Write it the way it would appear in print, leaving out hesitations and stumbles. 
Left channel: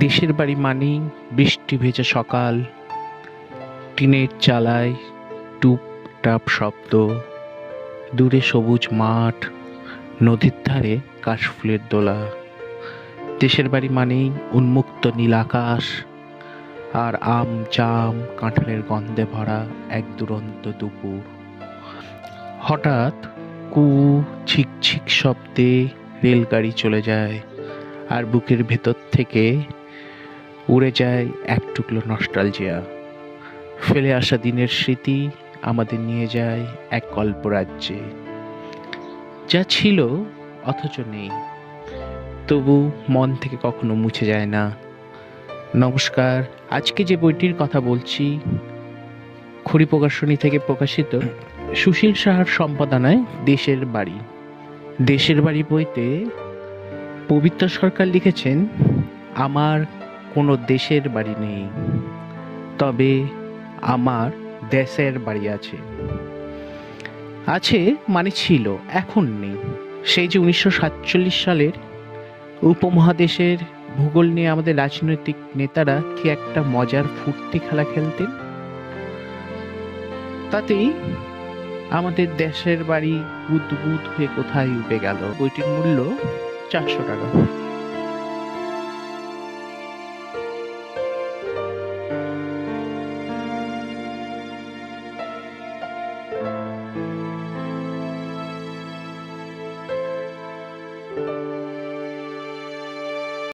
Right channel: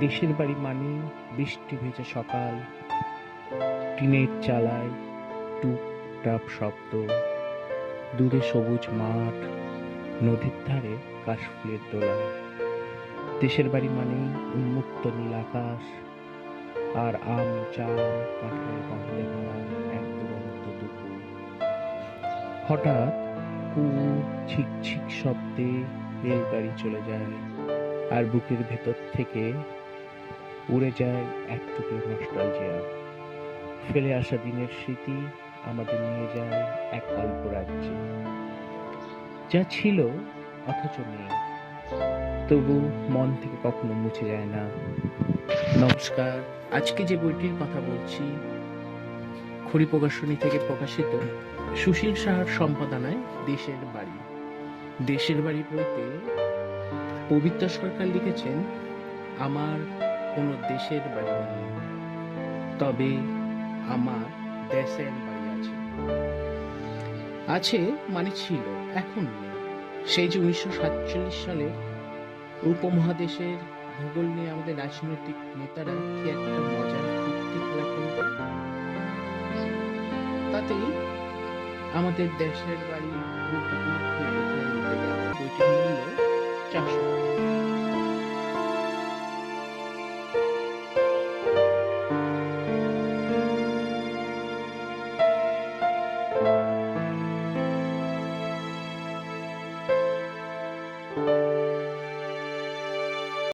দেশের বাড়ি মানেই বৃষ্টি ভেজা সকাল, টিনের চালায় টুপটাপ শব্দ, দূরে সবুজ মাঠ, নদীর ধারে কাশফুলের দোলা। দেশের বাড়ি মানেই উন্মুক্ত নীল আকাশ আর আম জাম কাঁঠালের গন্ধে ভরা এক দুরন্ত দুপুর। হঠাৎ কু ঝিকঝিক শব্দে রেলগাড়ি চলে যায়, আর বুকের ভেতর থেকে উড়ে যায় এক টুকরো নস্টালজিয়া। ফেলে আসা দিনের স্মৃতি আমাদের নিয়ে যায় এক কল্পরাজ্যে, যা ছিল অথচ নেই, তবু মন থেকে কখনো মুছে যায় না। নমস্কার, আজকে যে বইটির কথা বলছি খড়ি প্রকাশনী থেকে প্রকাশিত, সুশীল সাহার সম্পাদনায় দেশের বাড়ি। দেশের বাড়ি বইতে পবিত্র সরকার লিখেছেন, আমার কোনো দেশের বাড়ি নেই, তবে আমার দেশের বাড়ি আছে। আছে মানে ছিল, এখন নেই। সেই যে 1947 সালের উপমহাদেশের ভূগোল নিয়ে আমাদের রাজনৈতিক নেতারা কি একটা মজার ফুর্তি খেলা খেলতেন, তাতেই আমাদের দেশের বাড়ি বুদবুদ হয়ে কোথায় উঠে গেল। বইটির মূল্য 400 টাকা।